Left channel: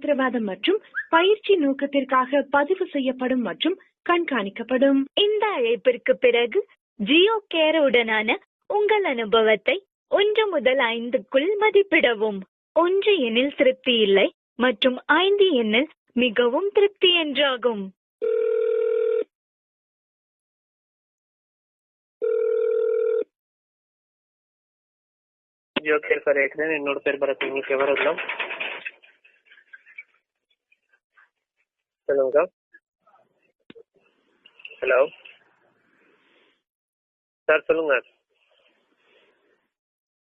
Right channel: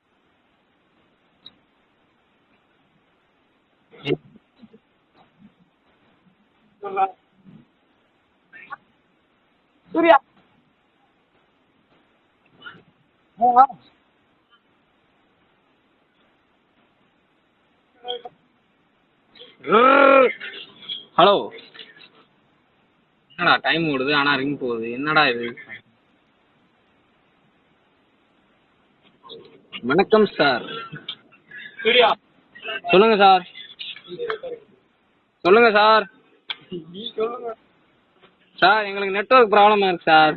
உத்தரவாதம் மற்றும் பயிற்சி நோக்கத்திற்காக பதிவு செய்யப்படும் மற்றும் கண்காணிக்கப்படும். இந்த அழைப்பிற்கு பிறகு ஜியோ கேர் உடனான உங்கள் அனுபவத்தை 1 முதல் 5க்குள் மதிப்பிடவும். 1 எண்ணில் திருப்தி இல்லை மற்றும் 5 எண்ணில் மிகவும் திருப்தி என்றாகும். ஹலோ, என்னடா டைம் ஓடுது ஆனா ரிங் போகுது, என்னடா இது? ஜியோ கேர் சார் ஏற்கனவே என்னோட பேர் பரத், உங்களுக்கு விவரம். வணக்கம் சார். சொல்லுங்க சார். சொல்லுங்க சார். ஹலோ, சொல்லுங்க சார். சார் சொல்லுங்க சார், எங்களுக்கு நெட்வொர்க் ப்ராப்ளமா இருக்கு சார்.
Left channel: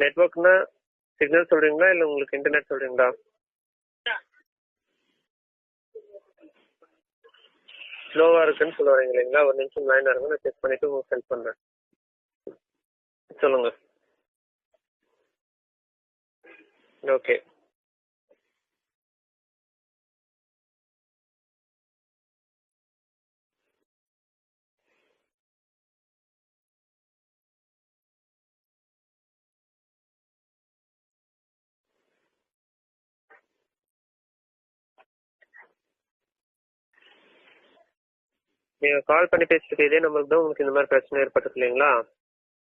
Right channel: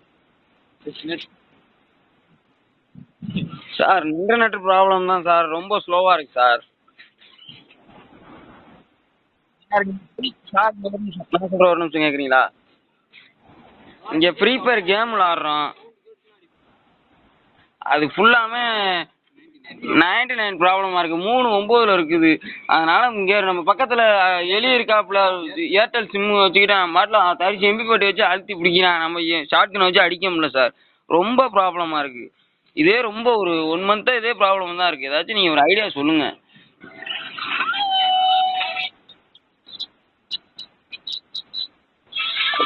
நெட்வொர்க்னா சிக்னல் சொல்றீங்களா இல்லை உங்களுக்கு இன்டர்நெட் சொல்றீங்களா? சார் இன்டர்நெட் ப்ராப்ளம் தான் சார், ரொம்ப ஸ்லோவா இருக்கு சார். ஸ்லோவா இருக்குன்னு சொல்ல வரீங்க இல்லைங்களா? ஒரு நிமிஷம் லைன் இருங்க. ஒரு நிமிஷம் கேக்குறீங்களா? சொல்லுங்க. இங்க ஃப்ரீ ஃபயர் கேம் விளாடுறோம். ஓகே. அது ஃபுல்லாமே 99 ப்ராப்ளமா இருக்கு. 3.9 இருக்குது. அதனால இங்க நம்ம பக்கத்துல எலி இருக்காப்புல, ஏர்டெல் சிம் வச்சுக்கிட்டேன் மாட்டலாம் 30 எம்பி போட்டு வச்சு அழுத்தி பிடிக்கிறான். நம்ம ஷார்ட்கன் வச்சு அடிக்க முடியல சார். ரொம்ப ப்ராப்ளமா இருக்கு. இதே ரொம்ப ஒரு 1 மந்த்தா இதே ப்ராப்ளம் தான் இருக்கு. ஏதாச்சும் நீங்க ஒரு ஐடியா சொல்லுங்க. நீங்க கால் பண்ணி பேசிட்டு இதே நம்பருக்கு தான் உங்களுக்கு இந்த மாதிரி பிரச்சனை ஏற்பட்டது இல்லைங்களா?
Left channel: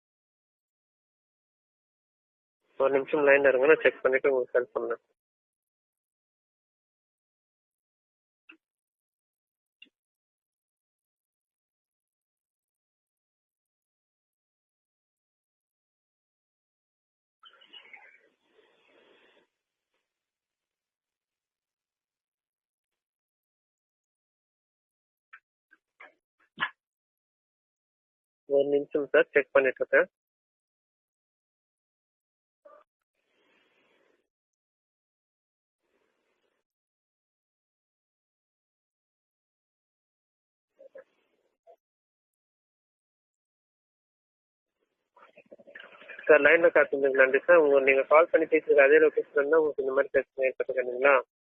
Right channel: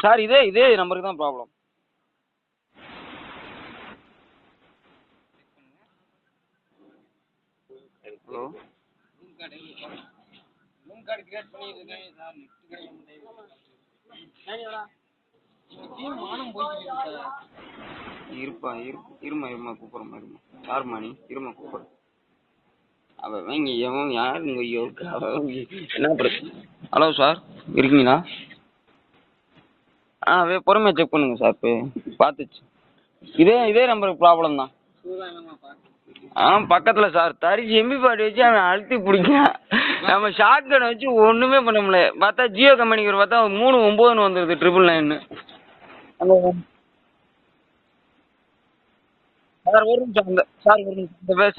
சார் இதே நம்பருக்கு தான் ப்ராப்ளம். ஒரு நிமிஷம் லைன்ல இருங்க, நான் செக் பண்ணிட்டு உங்களுக்கு ஹெல்ப் பண்ணேன். ஹலோ, ரூம் கார்டு கிரியேட் பண்ணிருக்கேன் சார். நெட் கிடைக்க மாட்டேங்குது. டீம் மானம் போயிட்டு சார். இருமா கூப்பிடுறோம். யார் மணி? இருமா கூப்பிடுறோம். அவன் யாருங்க? என்ன பிரச்சனை? ஹலோ சார், இருக்கீங்களா? ஒரு நிமிஷம் சார், செக் பண்ணிட்டு இருக்கேன். பொறுமையா செக் பண்ணுங்க சார். பார்த்துச்சு. இதே நம்பருக்கு ப்ராப்ளம் தான். பக்கத்துல சார் 30 எம்பி பாட்டு வச்சு அவன் அழுத்தி பிடிக்கான். நம்ம ஷார்ட் கன் வச்சு ஒண்ணுமே பண்ண முடியல. பார்த்தா ஜியோ கம்பெனிக்கு பார்த்தா 3.9 வந்துருது 999. அந்த லைன்ல காத்துங்க. நன்றி சார். நீங்க கால் பண்ணி பேசுறது அதே லொகேஷன் தான்.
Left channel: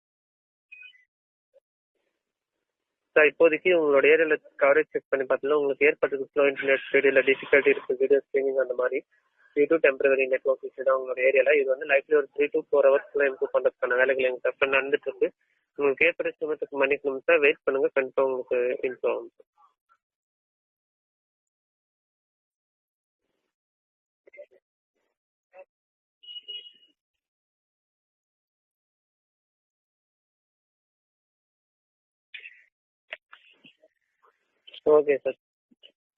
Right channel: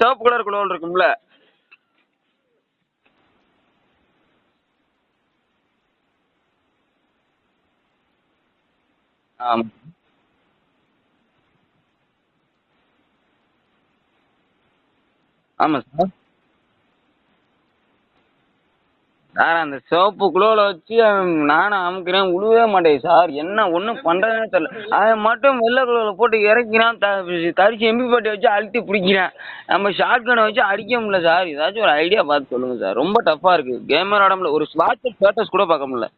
சிவப்பு கலர் குளோல் இருக்கும்ல சார், இப்போதைக்கு உங்களோட ஏரியால கவரேஜ் செக் பண்ணி பார்த்தா உங்களுக்கு ஏற்பட்டது ஸ்லோ இன்டர்நெட் ஸ்பீடு இல்லை டிஃபிகல்ட்டி இருக்கு, வீடியோ ஸ்ட்ரீமிங் அந்த மாதிரி டெம்பரரி நெட்வொர்க் இஷ்யூ தான் உங்களோட ஏரியால. இது வந்து லைஃப்ல ஒரு 3 to 4 ஹவர்ஸ்க்குள்ள இம்ப்ரூவ் பண்றதுக்கான வேலைகள் எங்க தப்பு நடந்துட்டு இருக்கு. உங்களுக்கு ஏற்பட்ட சிரமத்துக்கு மன்னிக்கணும் சார். வெயிட் பண்ணுங்க, கண்டிப்பா உங்களுக்கு இம்ப்ரூவ் ஆகும் சார். அந்த சிவப்பு குளோல வச்சு நானும் அமுக்கிறேன், உழுவே மாட்டேங்குது சார். என்ன ஒன்றும் பண்றதுனே தெரியல. அவன் மட்டும் வெள்ளை குளோல போட்டு இறக்கிறான், 30 எம்பி பாட்டி வச்சு அழுத்தி பிடிக்கிறான். நம்ம ஷார்ட் கனை வச்சு அடிக்க முடியல சார். ஏதாச்சும் ஒரு ஐடியா பார்த்து சொல்லுங்க சார். ரொம்ப டஃபா இருக்கு. கேமர் ஆட முடியல, ஒரு ஸ்டேட்டஸ் கூட பார்க்க முடியல.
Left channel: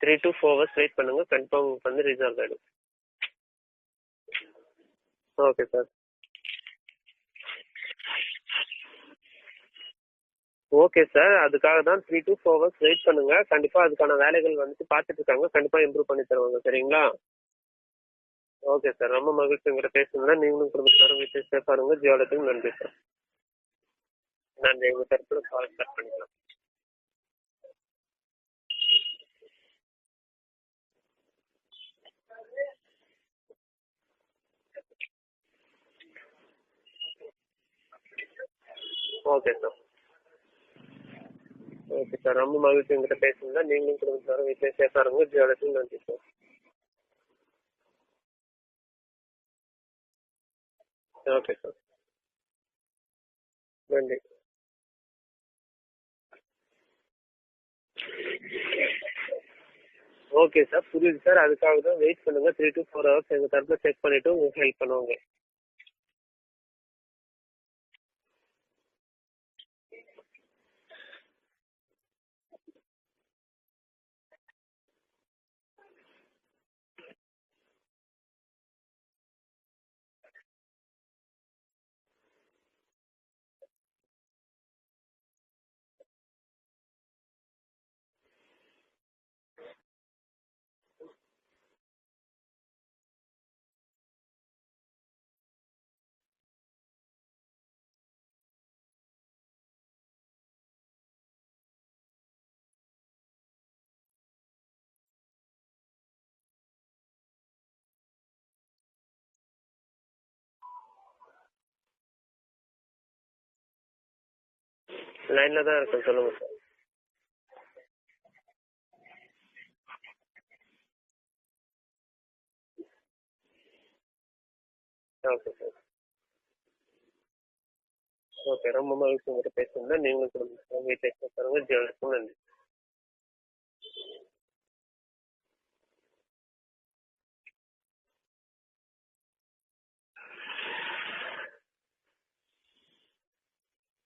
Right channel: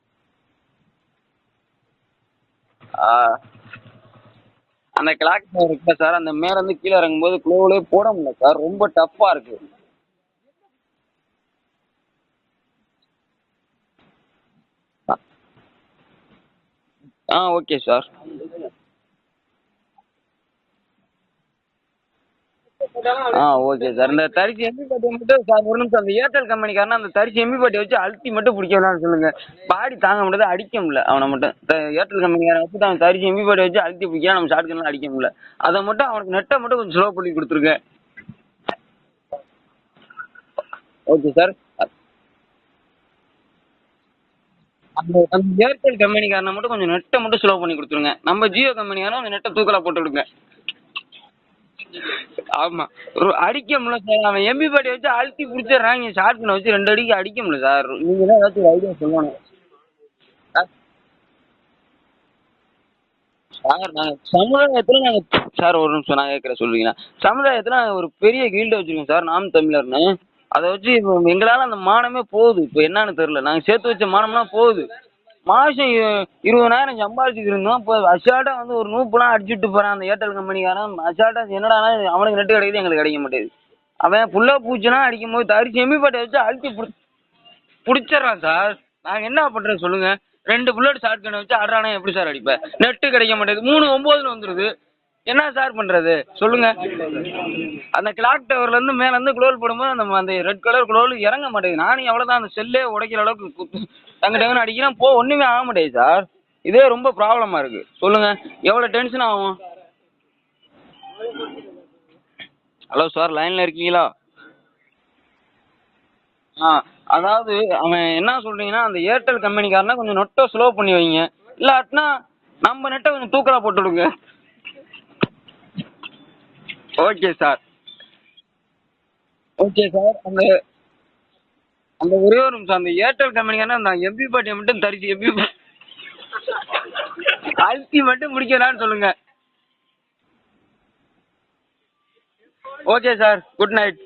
3 to 4 hours வெயிட் பண்ணுங்க, கண்டிப்பா உங்களுக்கு வந்து ரிசால்வ் ஆயிடும். அந்த கிளாக் இருக்கு சார், அந்த மேல இருந்து கீழே இறங்கும்போது க்ளோவிலே போட முடியல சார். ரொம்ப டஃப்பா இருக்கு. ஓகே சார், அதுக்காக தான் 3 to 4 hours வெயிட் பண்ணுங்க. கண்டிப்பா அதுக்கான வேலைகள் வந்துட்டு பார்த்துட்டு இருக்காங்க. கண்டிப்பா இம்ப்ரூவ் பண்ணி தருவாங்க. சரிங்களா? Okay sir. ஓகே சார், ரொம்ப மகிழ்ச்சி உங்கள்கிட்ட பேசுனதுல. நீங்களும் குடும்பத்தினரும் வீட்டில் சேஃபா இருங்க. ஜியோலத்துக்கு நன்றி சார். Okay sir. இந்த 30 எம்பி மட்டும் சார் ஒரு நிமிஷம், அந்த ஏர்டெல் கம்பெனிக்காரனா அந்த 30 எம்பி பாட்டி வச்சு அழுத்தி மட்டும் பிடிக்கலாம்னு சொல்லுங்க. பாடி தாங்க முடியாது, அடிக்க முடியல அவனை மட்டும். ஏர்டெல் கம்பெனிக்காரன் வச்சு அவன் 30 எம்பி பாட்டி வச்சு அழுத்தி பிடிக்கலாம், நம்ம ஷார்ட் கன்லாம் அடிக்க முடியல. அதை மட்டும் அவனுக்கு நெட்டை மட்டும் கொஞ்சம் ஸ்லோ பண்ணி கொடுத்துருங்க. Okay sir. Okay sir. Okay sir, ரொம்ப மகிழ்ச்சி உங்ககிட்ட பேசுங்க. நீங்களும் குடும்பத்தினரும் வீட்டில் சேஃபா இருங்க. ஏர்டெல் கம்பெனிக்காரனை மட்டும் கொஞ்சம் நெட்டை மட்டும் ஸ்லோ பண்ணி கொடுத்துருங்க. நம்ம ஜியோ கம்பெனிக்காரன் அந்த நெட்டை தூக்கலா போட்டு விடுங்க. Okay sir. ஆமா, அடிக்க முடியல சார். அவன் எம்பி பாட்டி வச்சு அழுத்தி பிடிச்சிடுறாங்க, ஷார்ட் கன்னை வச்சு 2 அடிக்கு அடிக்க முடியல சார். நீங்க தான் ஏதாச்சும் ஐடியா சொல்லணும். ஓகே சார், புரியுது சார். அதுக்காக தான் வெயிட் பண்ணுங்க. 3 to 4 hours எங்க தரப்பு சமுதாயத்துல நாங்க சார் ஒரு நிமிஷம் நான் கேட்கற சொல்றீங்களா? சமுதாயத்துல ஒரு பெரிய கில்டு வச்சிருக்கோம் சார், நாம் தமிழர்னு. அதை வச்சு எங்களால அந்த மானமே போகுது. இப்போ என்னன்னு தெரியல, நாங்க சேர்த்து வச்ச மானம்லாம் போகுது. மாசம் 20,000 சம்பாதிச்சுட்டு இருந்தோம். இப்போ அசால்ட்டா வந்து ஒரு நூப்புலாம் அடிச்சுட்டு போறான் அந்த ஏர்டெல் கம்பெனிக்காரன். அசால்ட்டா என்னடா அவனுக்கு நெட்டு கிடைக்குது, எங்களுக்கு கிடைக்க மாட்டேங்குது. அவன் புல்லா பூச்சிலாம் அடிக்கும் போது 30 எம்பி பாட்டை வச்சு அழுத்தி பிடிச்சிடறான் சார். நாங்க என்ன பண்றது சொல்லுங்க? 2 புல்லட் ஷார்ட் கன் வச்சு ஆடுறானா எப்படி சார் அடிப்பேன்? நெட்டு கிடைக்க மாட்டேங்குது, 3.9 வந்துருது. என்ன சார் பண்றது சொல்லுங்க? அந்த கிளாக் டவர்ல இருந்து மேல இருந்து குளோல் போடும்போது அந்த ரெட் கலர் குளோல் இறங்க மாட்டேங்குது. நானும் எவ்வளவுதான் அந்த செல்லே உடைக்கிற அளவுக்கு டங்கு டங்குன்னு அடிக்கிறேன், ஒண்ணுமே ஆக மாட்டேங்குது சார். இதே ரொம்ப ப்ராப்ளமா இருக்கு. சொல்லுங்க, எவ்வளவு டென்ஷன் ஆகும்? ஹலோ சார், லைன்ல இருக்கீங்களா? லைன்ல தான் இருக்கேன், சொல்லுங்க சார். அதாவது அவன் என்ன சொல்றீங்கன்னா, அந்த ஏர்டெல் கம்பெனிக்காரனா கொஞ்சம் நெட்டை ஸ்லோ பண்ணி வைங்க, இல்லாட்டினா நம்ம நெட்டை கொஞ்சம் தூக்கலா போட்டு விடுங்க. Okay sir. Okay sir. Okay, ரொம்ப மகிழ்ச்சி ஓகே சார். அந்த ஒரே ஒரு நிமிஷம், அந்த ஏர்டெல் கம்பெனிக்கான அந்த எம்பி பாட்டியை மட்டும் தரிச்சு எம்பி அழுத்தி மட்டும் முடிக்கிறான்னு சொல்லுங்க. Okay sir, good night.